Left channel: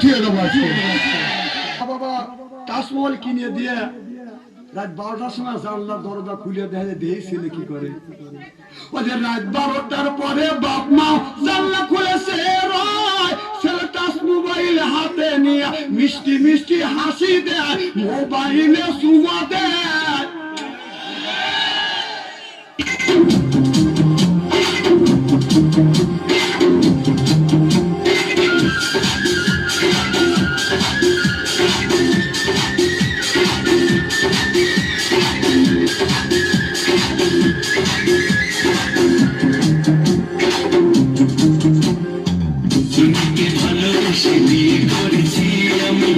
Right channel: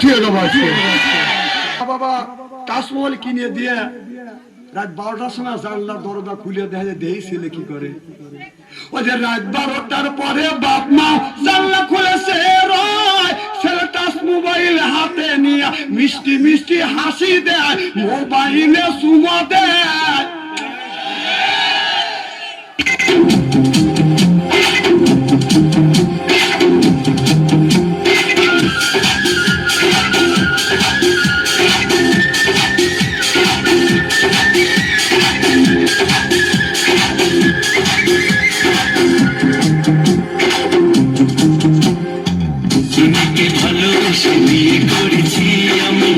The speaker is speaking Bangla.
থুয়ে দেবো আজকে। বাবা তাজমহল কিনে দিয়ে রাত 12টার সময় জানলা দরজা খুলে দেখে দেই ছেলে কি করে। ওই যে রাত 12টার পরে বাপ মা জানলা খুলেছে রয়, ছেলে টাচ মোবাইল হাতে নিয়ে মিষ্টি মিষ্টি হাসি দেয়, মোবাইলে চুমা দেয়। ভালোবেসে বিয়ে করেছি আমি।